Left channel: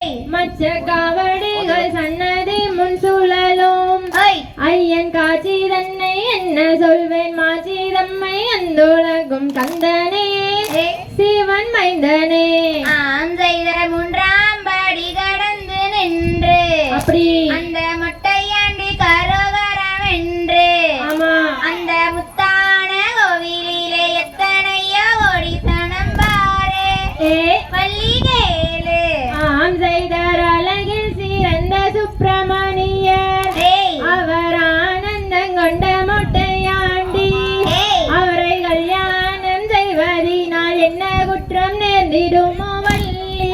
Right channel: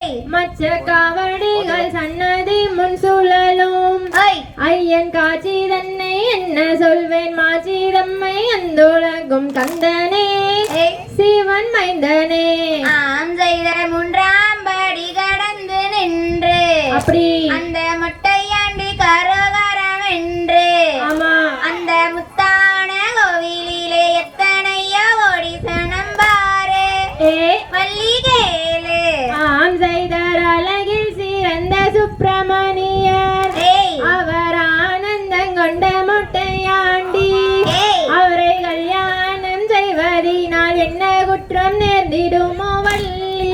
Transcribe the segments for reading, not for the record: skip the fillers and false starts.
மச்ச காவடிகள் சன்னதி முன் சுழலும் ஐயன் காட்சி தன்னை என்ன சொல்வேன் மாச்சி தம்மை அந்தோழகும் கந்தனே சிவன் மைந்தனே மூன்றாம் படி கடந்து நின்று அப்படி அந்த மொட்டையாண்டி கரோகரம் என்று அந்த முத்தான கோவிலிலே எத்தனையோ ஓடி தனம் பாரு மல்லிகேலு செய்தர் அழகில் சிறந்த சுப்பிரமணியர் அவர் ஆனந்தம் கொண்ட மொட்டையாண்டி அவரை கல்யாணம் செய்வதினால் என்ன குற்றம் நேர்ந்திடுமோ வள்ளி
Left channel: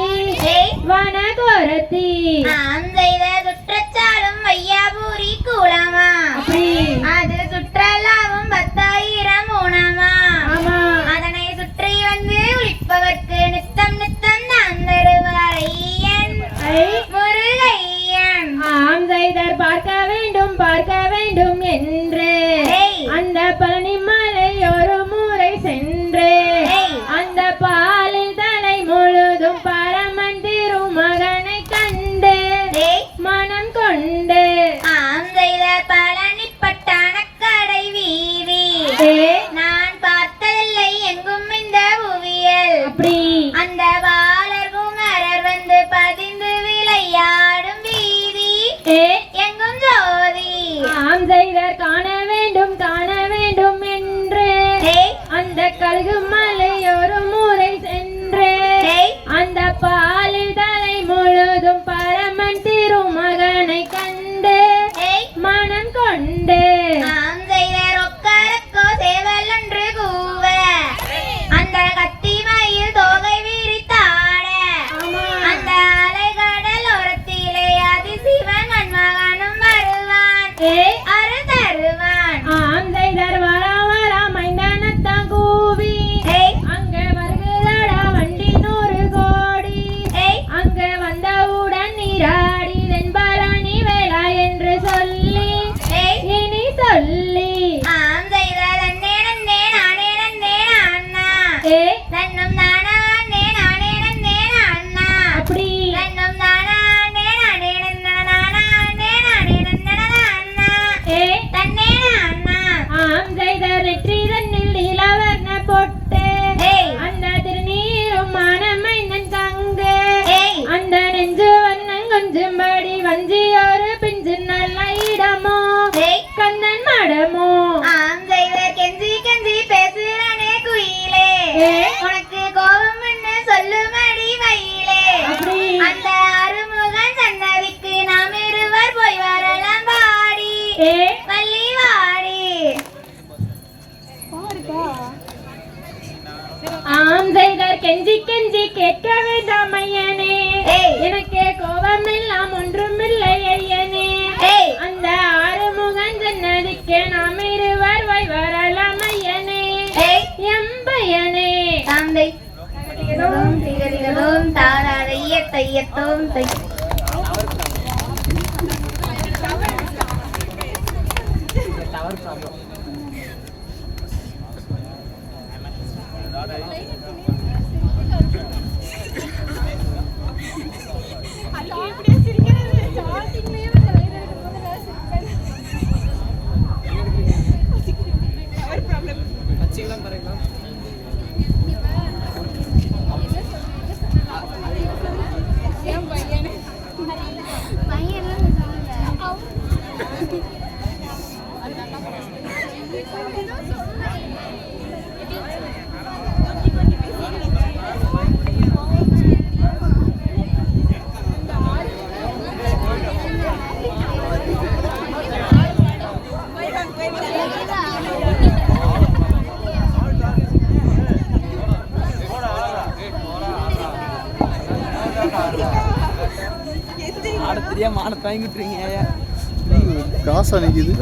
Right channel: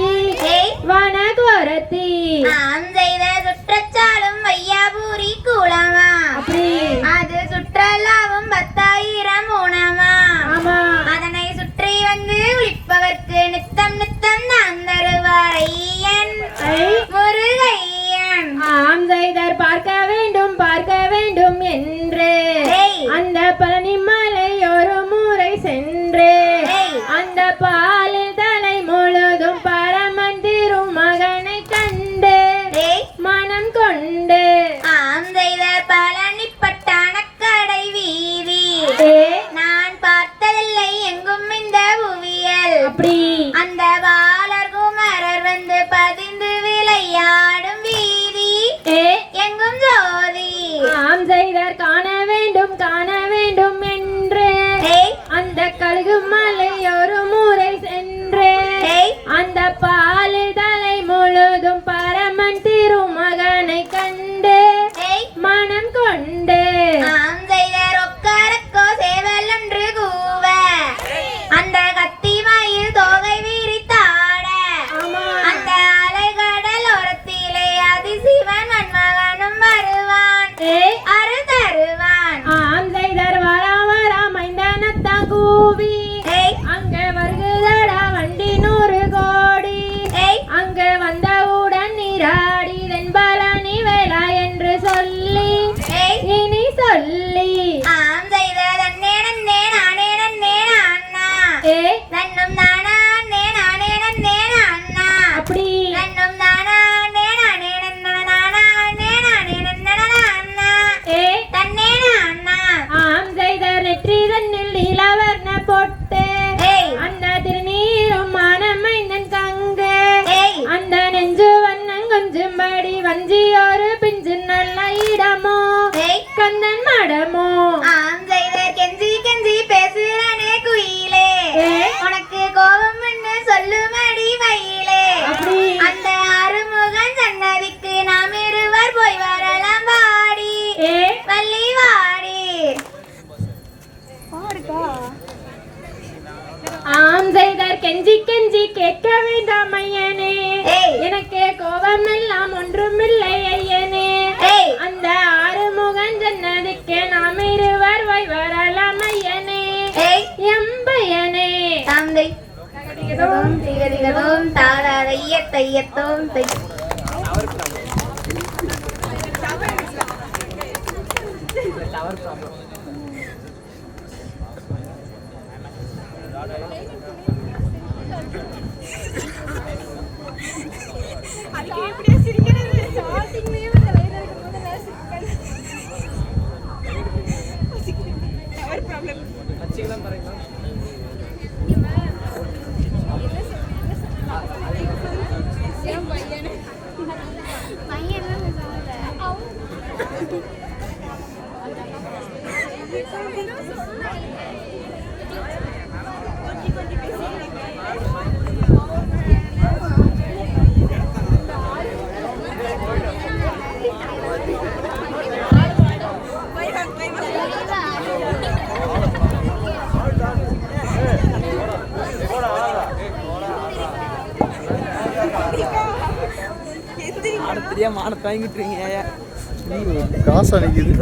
வனகோரத்தி நாம் செய்த குற்றச்சாலும் வையாபூரி கூலமா அது சுற்றலாவும் 10,000 ஊனமா அதனை சுற்றி வந்து விழிப்பவர்க்கு நித்தம் நித்தம் நாம் தருவார் ஐயன் முருகையன். செய்தர் பார்க்க வேண்டும் என்று அந்த பனிமலை ஒரு முறை சென்று அந்த பாலில் தலை முழுதும் பரமன் திருமகனை கண்டு மனம் கொண்டு செய்தர் பழனிப்பட்டான கடை வீதி நான் பார்த்ததில்லை எங்கும் இந்த புவியல் அந்த பாலர் குமரர் வந்து பதிந்து விளையாடும் வீதி எங்கும் ஜோதி செய்தர் காண வேண்டும் என்று அந்த கழுகு மலை ஒரு முறை சென்று அந்த பாலில் தலை முழுதும் பரமன் திருமகனை கண்டு மனம் கொண்டு செய்தர் ஒக்கரக்கோ சேவல் ஒன்று கூவ அந்த கத்தி மயில் தோகை விரித்தாட அந்த அலைகடல் ஓரத்திலே அதிசிவன் மன்மகனும் வருவான் அருள் தருவான். செய்தர் மைந்தானத்தான் கூவி அங்க வருகுதடா வண்டி 100 கோடி அங்க வந்தவுடன் நீராடி தென்பழனி வேளா என்று சொல்லி இனி சொல்லி செய்தர் அண்ணே நன்னே நானே நன்னே அண்ணா நன்னும் நானா அண்ணே நானே நன்னே அண்ணா அப்படி நன்னும் நானா அண்ணே நானே நன்னா நானா அண்ணே நானே நன்னா அண்ணா தன்னே அண்ணா செய்தர் நெற்றி தன்னில் இளவர்ண பொட்டு அந்த திருநீரும் மானமைந்தன் கங்கு அந்த நெஞ்சு வண்ணம் கொஞ்சம்படி வஞ்சி ஒரு பிஞ்சு நல்ல இடமோ கந்தன் மடமோ செய்தர் கெஞ்சி கெஞ்சி பேசுறானே குயிலே உனக்கு கோபம் என்ன சொல்லுமடி மயிலே அந்த ஆறுமுகன் சன்னதிக்கு நாம் இருவர் போய் வரலாம் பாடி வள்ளி வாடி. செய்தர் கெஞ்சி கெஞ்சி கேட்க வேண்டாம் ஐயனே எனக்கு கோபம் எல்லாம் ஒன்றுமில்லை ஐயனே அந்த ஆறுமுகன் சன்னதிக்கு நாம் இருவர் போய் வரலாம் ஐயனே எம்பையனே தந்தை திகதிகதோம் தாராரைய தையத்தோம் தை. தெரியாம மான தாங்கிட்டு இருக்கீங்க காசா நிக்குது.